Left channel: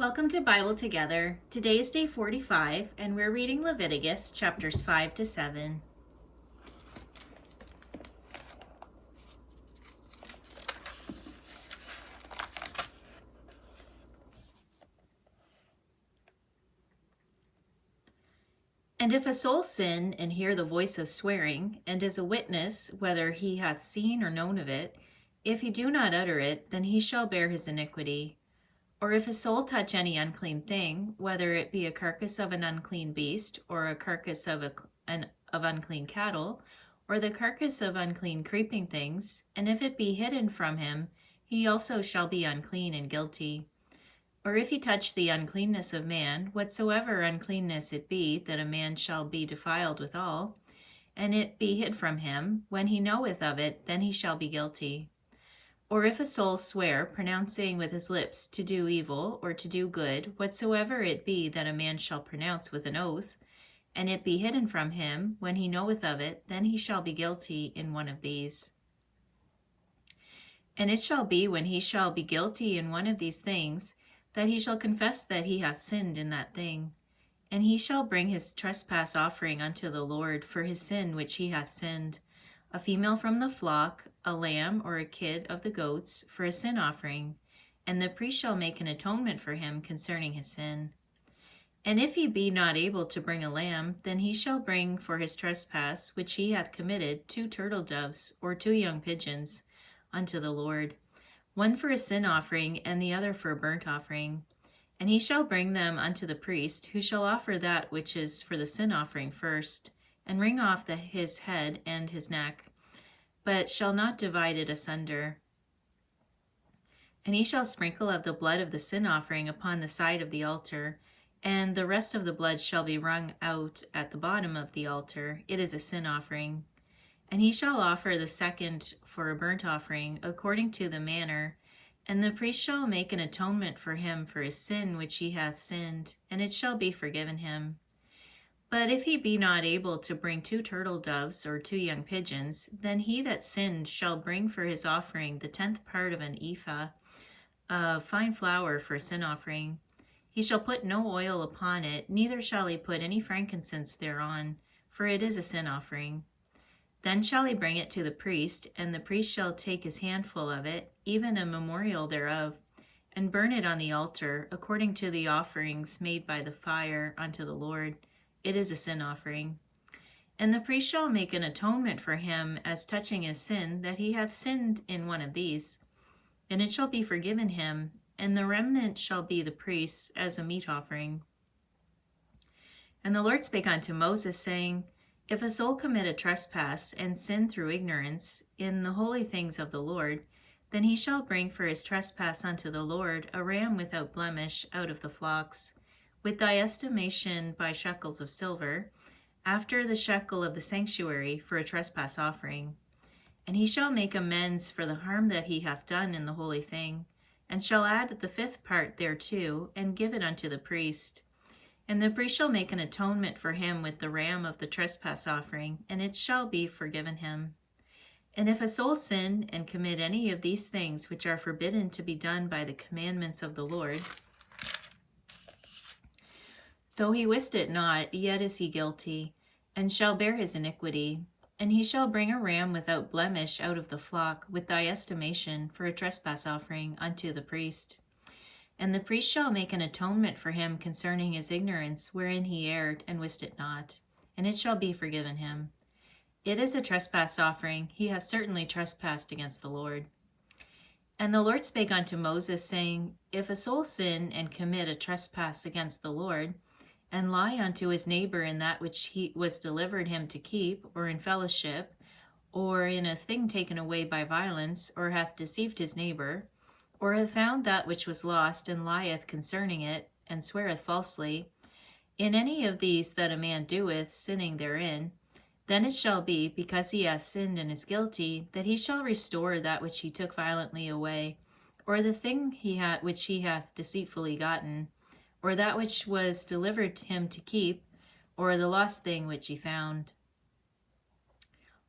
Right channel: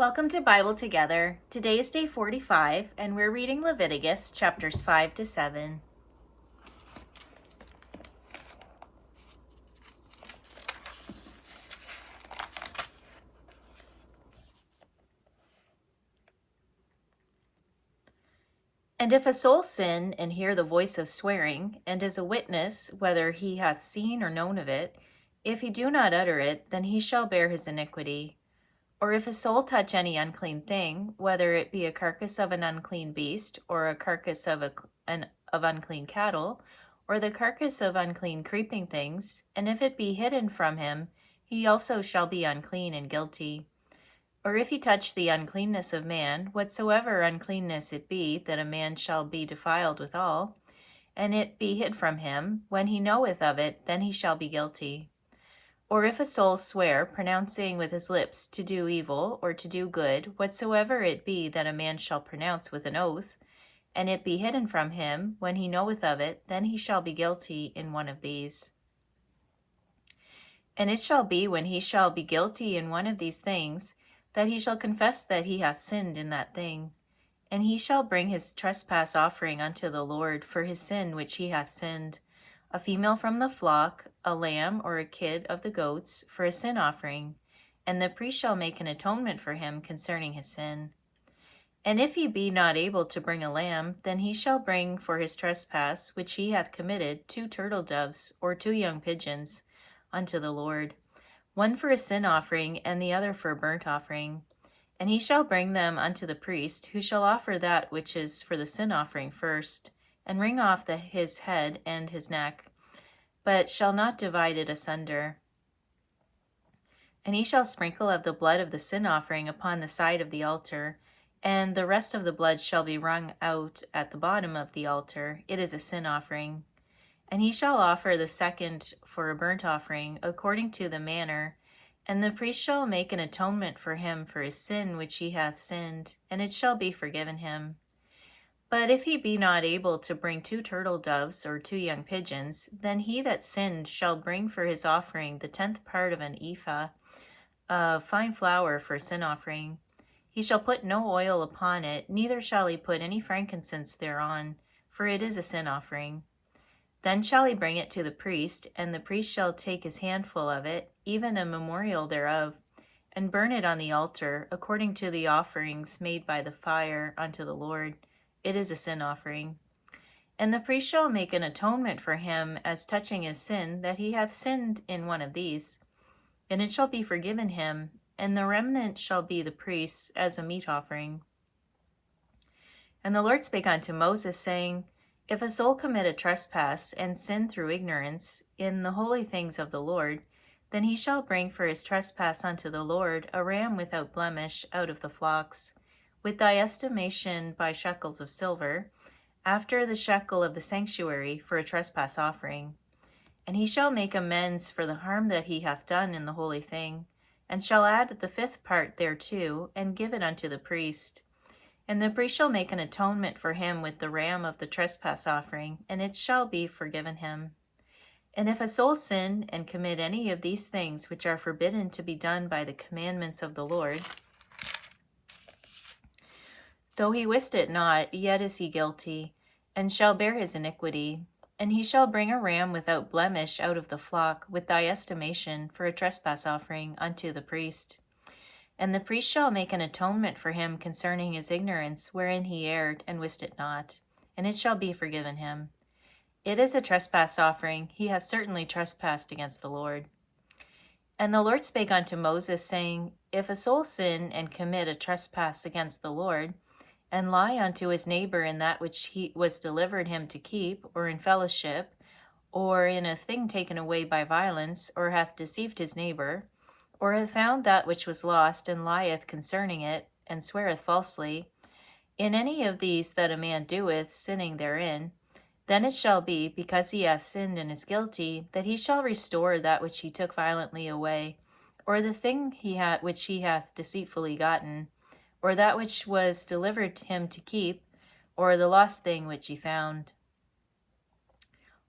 Welcome to Bible Together. Today is day 45, and we're reading Leviticus chapters 5 to 7. And if a soul sin and hear the voice of swearing, and is a witness whether he hath seen or known of it, if he do not utter it, then he shall bear his iniquity. Or if a soul touch any unclean thing, whether it be a carcass of an unclean beast, or a carcass of unclean cattle, or the carcass of unclean creeping things, and if it be hidden from him, he also shall be unclean and guilty. Or if he touch the uncleanness of man, whatsoever uncleanness it be, that a man shall be defiled withal, and it be hid from him, when he knoweth of it, then he shall be guilty. Or if a soul swear, pronouncing with his lips to do evil or to do good, whatsoever it be that a man shall pronounce with an oath, and it be hidden from him, when he knoweth of it, then he shall be guilty in one of these. And it shall be, when he shall be guilty in one of these things, that he shall confess that he hath sinned in that thing. And he shall bring his trespass offering unto the Lord for his sin which he hath sinned, a female from the flock, a lamb or a kid of the goats, for a sin offering, and the priest shall make an atonement for him concerning his sin. And if he be not able to bring a lamb, then he shall bring for his trespass which he hath committed 2 turtle doves or 2 young pigeons unto the Lord, one for a sin offering and the other for a burnt offering. And he shall bring them unto the priest, who shall offer that which is for the sin offering first, and wring off his head and his neck, but shall not divide it asunder. And he shall sprinkle of the blood of the sin offering upon the side of the altar, and the rest of the blood shall be wrung out at the bottom of the altar. It is a sin offering. And he shall offer the second for a burnt offering, according to the manner, and the priest shall make an atonement for him for his sin which he hath sinned, and it shall be forgiven him. But if he be not able to bring 2 turtle doves or 2 young pigeons, then he that sinned shall bring for his offering the 10th part of an ephah of fine flour for a sin offering. He shall put no oil upon it, neither shall he put any frankincense thereon, for it is a sin offering. Then shall he bring it to the priest, and the priest shall take his handful of it, even a memorial thereof, and burn it on the altar, according to the offerings made by the fire unto the Lord. It is a sin offering. And the priest shall make an atonement for him as touching his sin, that he hath sinned in one of these. And it shall be forgiven him, and the remnant shall be the priest's as a meat offering. And the Lord spake unto Moses, saying, If a soul commit a trespass, and sin through ignorance, in the holy things of the Lord, then he shall bring for his trespass unto the Lord a ram without blemish out of the flocks, with thy estimation by shekels of silver, after the shekel of the sanctuary, for a trespass offering. And he shall make amends for the harm that he hath done in the holy thing, and shall add the 5th part thereto, and give it unto the priest. And the priest shall make an atonement for him with the ram of the trespass offering, and it shall be forgiven him. And if a soul sin and commit any of these things which are forbidden to be done by the commandments of the Lord, though he wist it not, yet is he guilty, and shall bear his iniquity. And he shall bring a ram without blemish out of the flock, with thy estimation, for a trespass offering unto the priest. And the priest shall make an atonement for him concerning his ignorance, wherein he erred and wist it not, and it shall be forgiven him. It is a trespass offering. He hath certainly trespassed against the Lord. And the Lord spake unto Moses, saying, If a soul sin and commit a trespass against the Lord, and lie unto his neighbor in that which he was delivered him to keep, or in fellowship, or in a thing taken away by violence, or hath deceived his neighbor, or hath found that which was lost, and lieth concerning it, and sweareth falsely, in any of these that a man doeth, sinning therein, then it shall be, because he hath sinned and is guilty, that he shall restore that which he took violently away, or the thing which he hath deceitfully gotten, or that which was delivered him to keep, or the lost thing which he found.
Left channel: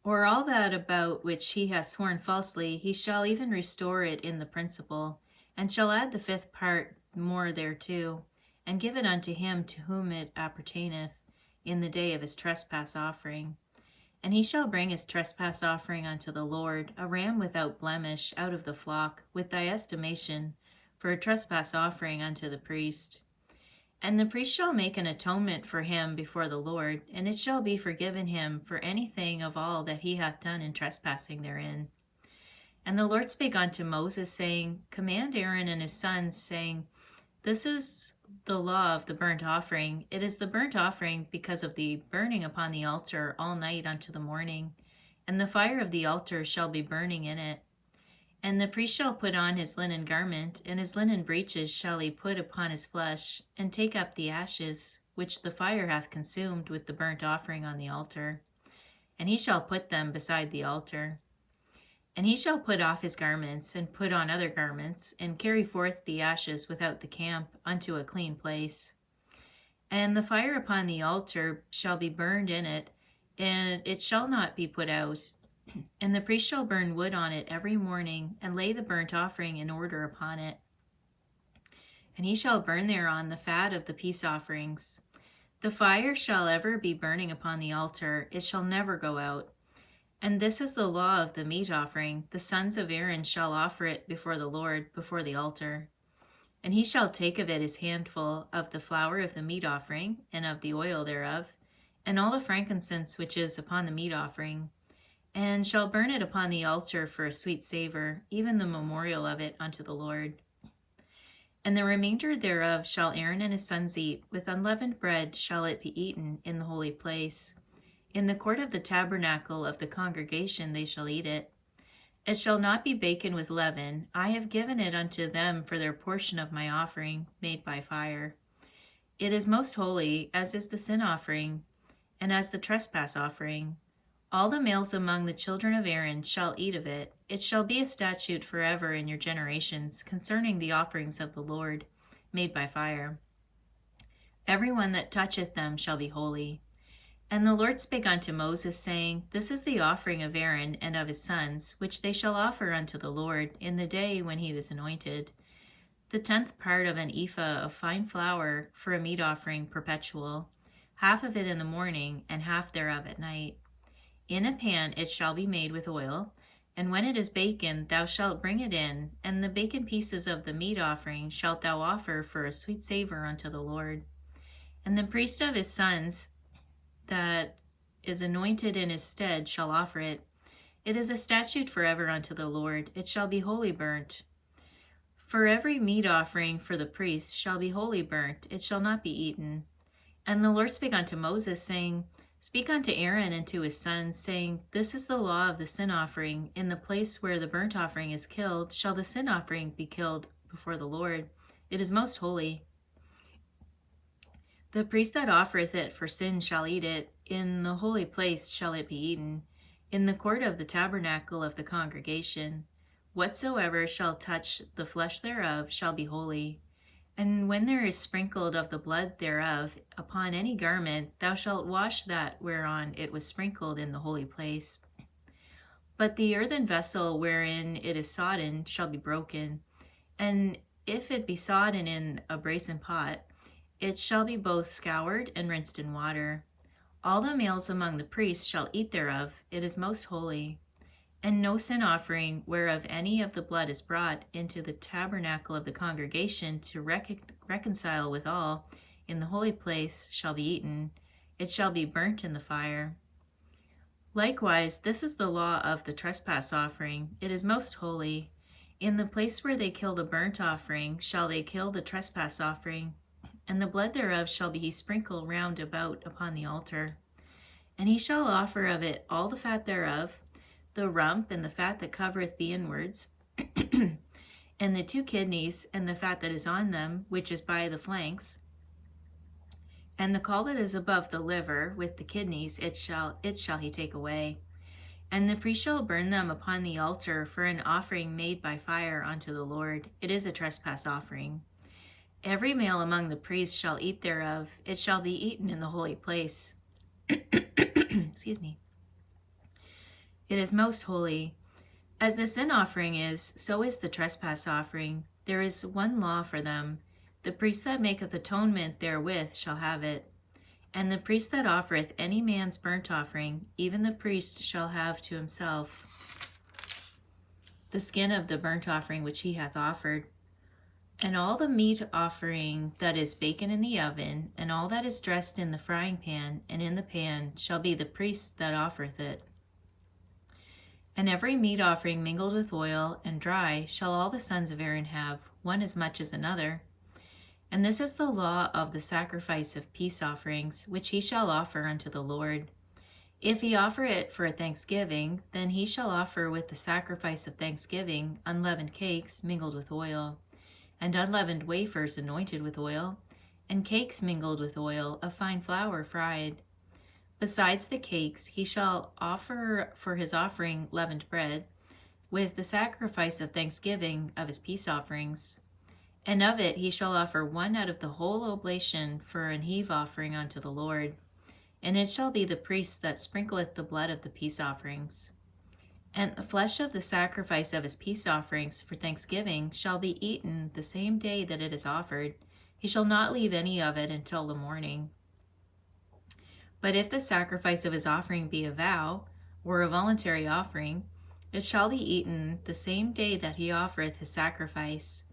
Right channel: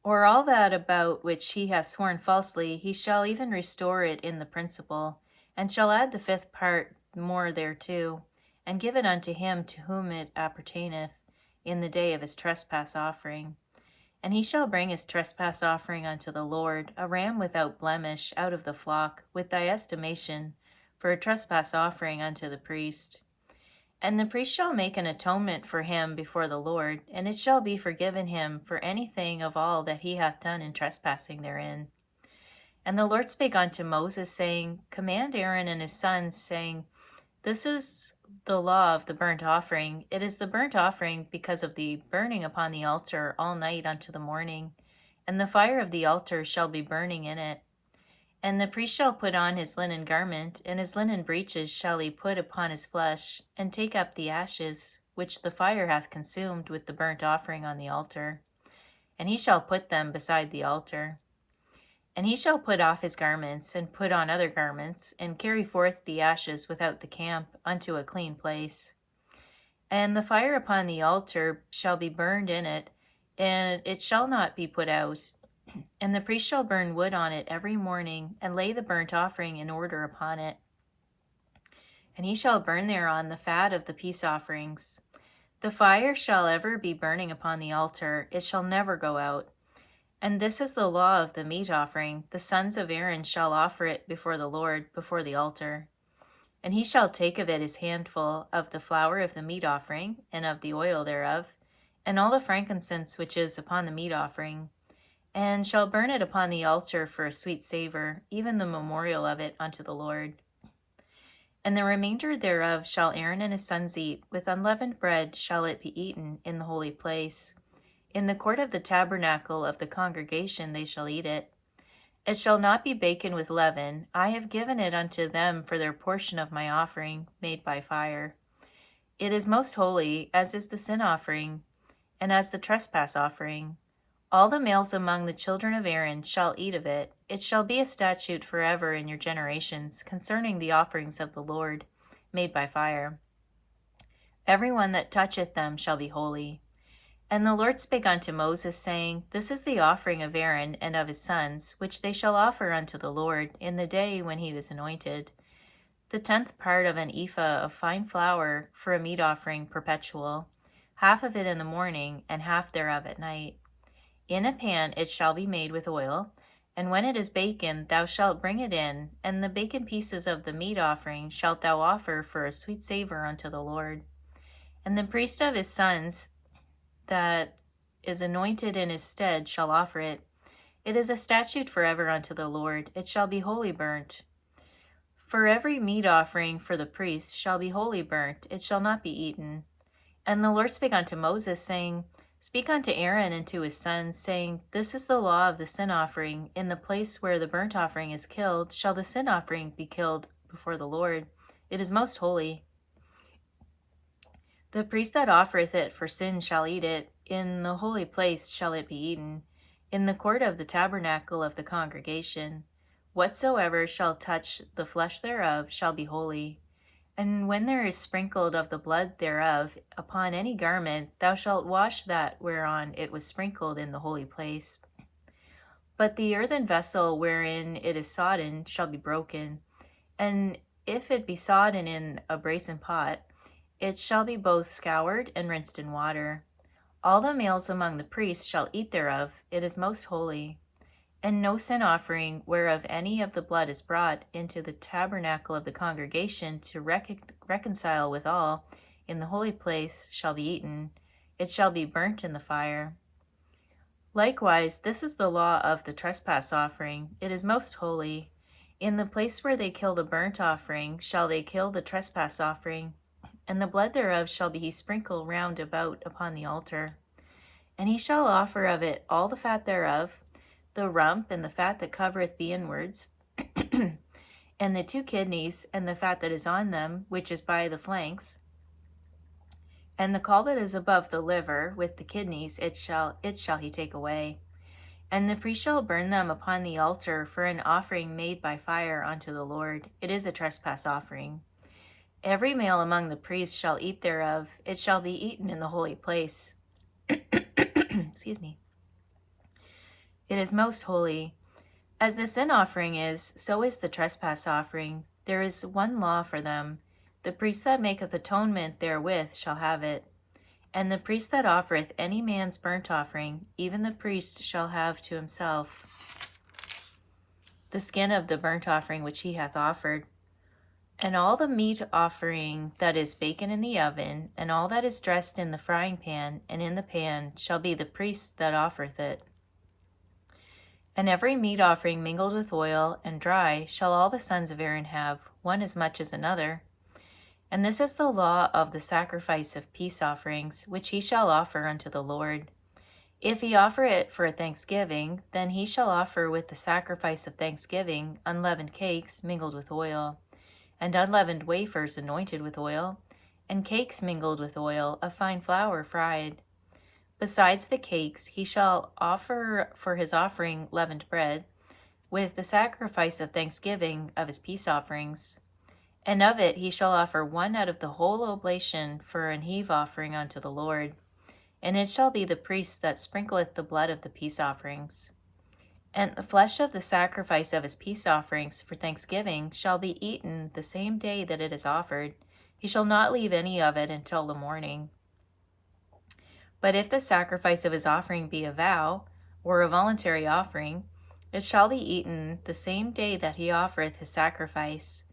Or all that about which he hath sworn falsely, he shall even restore it in the principal, and shall add the 5th part more thereto, and give it unto him to whom it appertaineth in the day of his trespass offering. And he shall bring his trespass offering unto the Lord, a ram without blemish out of the flock, with thy estimation, for a trespass offering unto the priest. And the priest shall make an atonement for him before the Lord, and it shall be forgiven him for anything of all that he hath done in trespassing therein. And the Lord spake unto Moses, saying, Command Aaron and his sons, saying, This is the law of the burnt offering. It is the burnt offering because of the burning upon the altar all night unto the morning, and the fire of the altar shall be burning in it. And the priest shall put on his linen garment, and his linen breeches shall he put upon his flesh, and take up the ashes, which the fire hath consumed with the burnt offering on the altar. And he shall put them beside the altar. And he shall put off his garments, and put on other garments, and carry forth the ashes without the camp unto a clean place. And the fire upon the altar shall be burned in it, and it shall not be put out. And the priest shall burn wood on it every morning, and lay the burnt offering in order upon it. And he shall burn thereon the fat of the peace offerings. The fire shall ever be burning upon the altar, it shall never go out. And this is the law of the meat offering. The sons of Aaron shall offer it before the Lord, before the altar. And he shall take of it his handful of the flour of the meat offering, and of the oil thereof, and all the frankincense which is upon the meat offering, and shall burn it upon the altar for a sweet savor, even the memorial of it unto the Lord. And the remainder thereof shall Aaron and his sons eat. With unleavened bread shall it be eaten in the holy place. In the court of the tabernacle of the congregation they shall eat it. It shall not be baken with leaven. I have given it unto them for their portion of my offering, made by fire. It is most holy, as is the sin offering, and as the trespass offering. All the males among the children of Aaron shall eat of it. It shall be a statute forever in your generations, concerning the offerings of the Lord, made by fire. Every one that toucheth them shall be holy. And the Lord spake unto Moses, saying, This is the offering of Aaron and of his sons, which they shall offer unto the Lord in the day when he was anointed. The 10th part of an ephah of fine flour for a meat offering perpetual, half of it in the morning, and half thereof at night. In a pan it shall be made with oil, and when it is baken thou shalt bring it in, and the baken pieces of the meat offering shalt thou offer for a sweet savor unto the Lord. And the priest of his sons that is anointed in his stead shall offer it. It is a statute forever unto the Lord. It shall be wholly burnt. For every meat offering for the priest shall be wholly burnt. It shall not be eaten. And the Lord spake unto Moses, saying, Speak unto Aaron and to his sons, saying, This is the law of the sin offering. In the place where the burnt offering is killed, shall the sin offering be killed before the Lord. It is most holy. The priest that offereth it for sin shall eat it. In the holy place shall it be eaten, in the court of the tabernacle of the congregation. Whatsoever shall touch the flesh thereof shall be holy. And when there is sprinkled of the blood thereof upon any garment, thou shalt wash that whereon it was sprinkled in the holy place. But the earthen vessel wherein it is sodden shall be broken, and if it be sodden in a brazen pot, it shall be both scoured and rinsed in water. All the males among the priests shall eat thereof. It is most holy. And no sin offering whereof any of the blood is brought into the tabernacle of the congregation to reconcile with all in the holy place shall be eaten. It shall be burnt in the fire. Likewise, this is the law of the trespass offering. It is most holy. In the place where they kill the burnt offering shall they kill the trespass offering, and the blood thereof shall he sprinkle round about upon the altar. And he shall offer of it all the fat thereof, the rump and the fat that covereth the inwards, and the 2 kidneys and the fat that is on them, which is by the flanks, and the caul that is above the liver with the kidneys, it shall he take away. And the priest shall burn them upon the altar for an offering made by fire unto the Lord. It is a trespass offering. Every male among the priests shall eat thereof. It shall be eaten in the holy place. Excuse me. It is most holy. As the sin offering is, so is the trespass offering. There is one law for them. The priest that maketh atonement therewith shall have it. And the priest that offereth any man's burnt offering, even the priest shall have to himself the skin of the burnt offering which he hath offered. And all the meat offering that is baken in the oven, and all that is dressed in the frying pan and in the pan, shall be the priest's that offereth it. And every meat offering mingled with oil and dry shall all the sons of Aaron have, one as much as another. And this is the law of the sacrifice of peace offerings, which he shall offer unto the Lord. If he offer it for a thanksgiving, then he shall offer with the sacrifice of thanksgiving unleavened cakes mingled with oil, and unleavened wafers anointed with oil, and cakes mingled with oil of fine flour fried. Besides the cakes, he shall offer for his offering leavened bread, with the sacrifice of thanksgiving of his peace offerings. And of it he shall offer one out of the whole oblation for an heave offering unto the Lord. And it shall be the priest that sprinkleth the blood of the peace offerings. And the flesh of the sacrifice of his peace offerings for thanksgiving shall be eaten the same day that it is offered. He shall not leave any of it until the morning. But if the sacrifice of his offering be a vow, or a voluntary offering, it shall be eaten the same day that he offereth his sacrifice.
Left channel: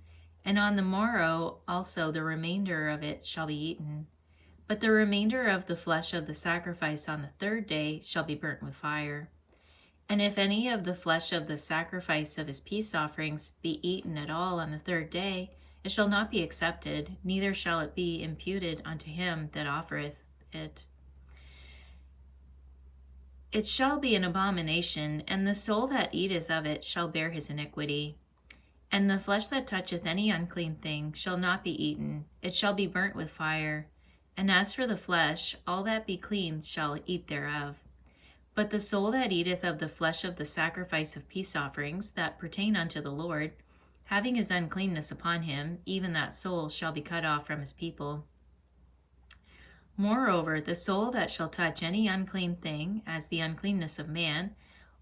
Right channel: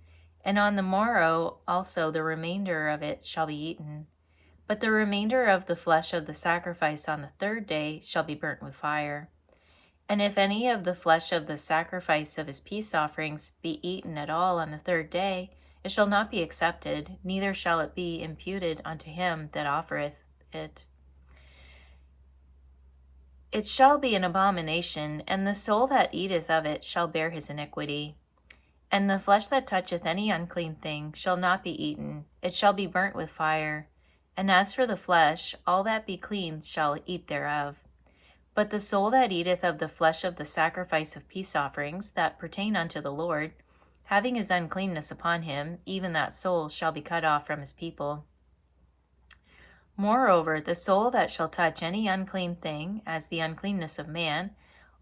And on the morrow also the remainder of it shall be eaten. But the remainder of the flesh of the sacrifice on the third day shall be burnt with fire. And if any of the flesh of the sacrifice of his peace offerings be eaten at all on the third day, it shall not be accepted, neither shall it be imputed unto him that offereth it. It shall be an abomination, and the soul that eateth of it shall bear his iniquity. And the flesh that toucheth any unclean thing shall not be eaten, it shall be burnt with fire. And as for the flesh, all that be clean shall eat thereof. But the soul that eateth of the flesh of the sacrifice of peace offerings that pertain unto the Lord, having his uncleanness upon him, even that soul shall be cut off from his people. Moreover, the soul that shall touch any unclean thing, as the uncleanness of man,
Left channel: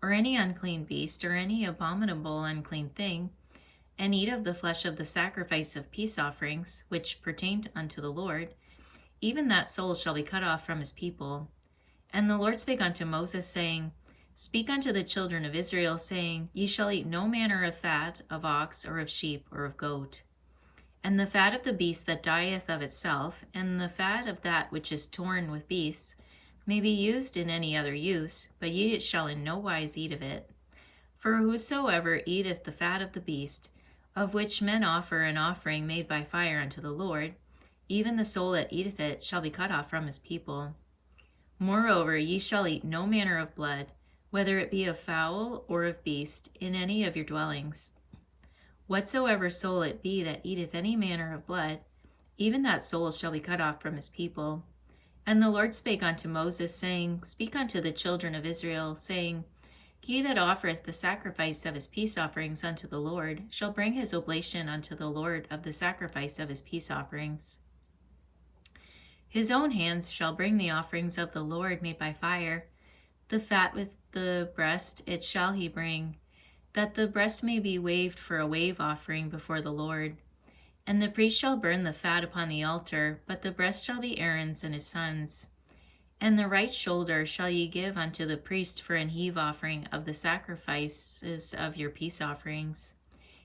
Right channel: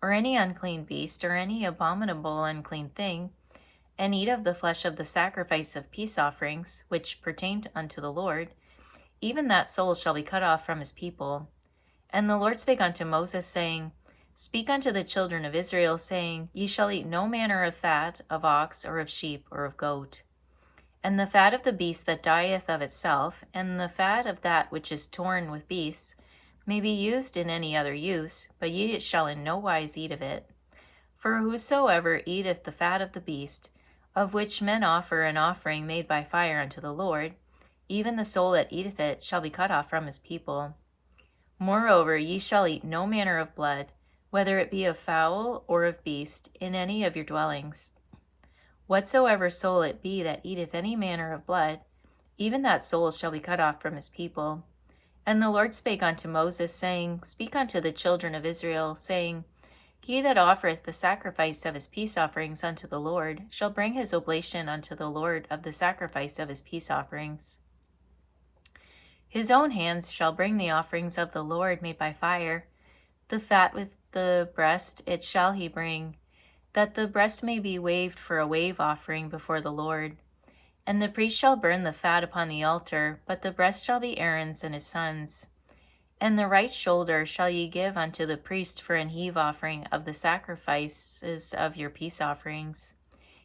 or any unclean beast, or any abominable unclean thing, and eat of the flesh of the sacrifice of peace offerings, which pertain unto the Lord, even that soul shall be cut off from his people. And the Lord spake unto Moses, saying, Speak unto the children of Israel, saying, Ye shall eat no manner of fat of ox, or of sheep, or of goat. And the fat of the beast that dieth of itself, and the fat of that which is torn with beasts, may be used in any other use, but ye shall in no wise eat of it. For whosoever eateth the fat of the beast, of which men offer an offering made by fire unto the Lord, even the soul that eateth it shall be cut off from his people. Moreover, ye shall eat no manner of blood, whether it be of fowl or of beast, in any of your dwellings. Whatsoever soul it be that eateth any manner of blood, even that soul shall be cut off from his people. And the Lord spake unto Moses, saying, Speak unto the children of Israel, saying, He that offereth the sacrifice of his peace offerings unto the Lord shall bring his oblation unto the Lord of the sacrifice of his peace offerings. His own hands shall bring the offerings of the Lord made by fire. The fat with the breast it shall he bring, that the breast may be waved for a wave offering before the Lord. And the priest shall burn the fat upon the altar, but the breast shall be Aaron's and his sons'. And the right shoulder shall ye give unto the priest for an heave offering of the sacrifices of your peace offerings.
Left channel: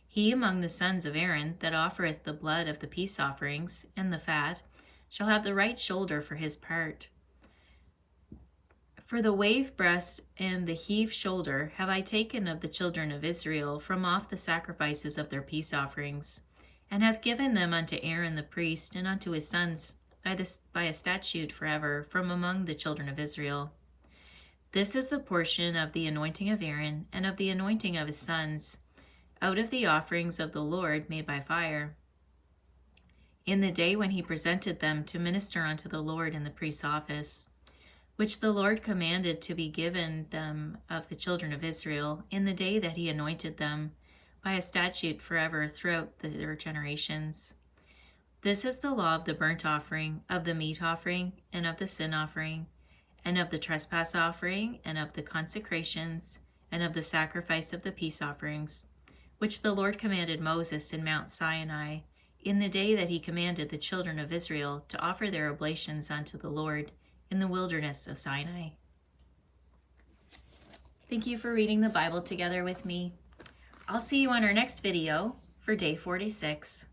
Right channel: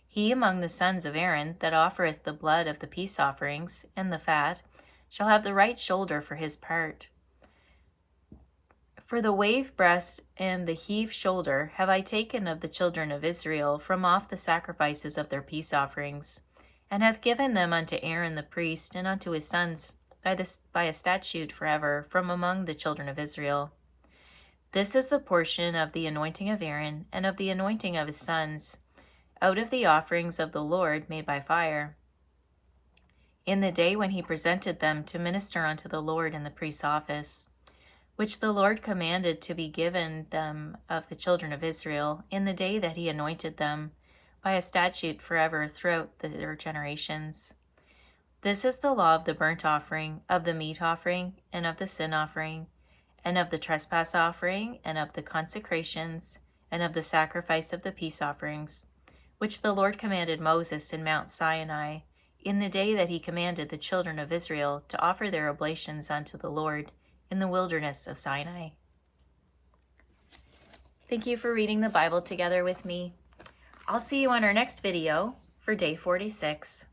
He among the sons of Aaron that offereth the blood of the peace offerings, and the fat, shall have the right shoulder for his part. For the wave breast and the heave shoulder have I taken of the children of Israel from off the sacrifices of their peace offerings, and hath given them unto Aaron the priest and unto his sons by a statute forever from among the children of Israel. This is the portion of the anointing of Aaron and of the anointing of his sons, out of the offerings of the Lord made by fire, in the day when he presented them to minister unto the Lord in the priest's office, which the Lord commanded to be given them of the children of Israel in the day that he anointed them, by a statute forever throughout their generations. This is the law of the burnt offering, of the meat offering, and of the sin offering, and of the trespass offering, and of the consecrations, and of the sacrifice of the peace offerings, which the Lord commanded Moses in Mount Sinai, in the day that he commanded the children of Israel to offer their oblations unto the Lord in the wilderness of Sinai. Thank you for reading the Bible together with me. I'll see you on our next video for day 46.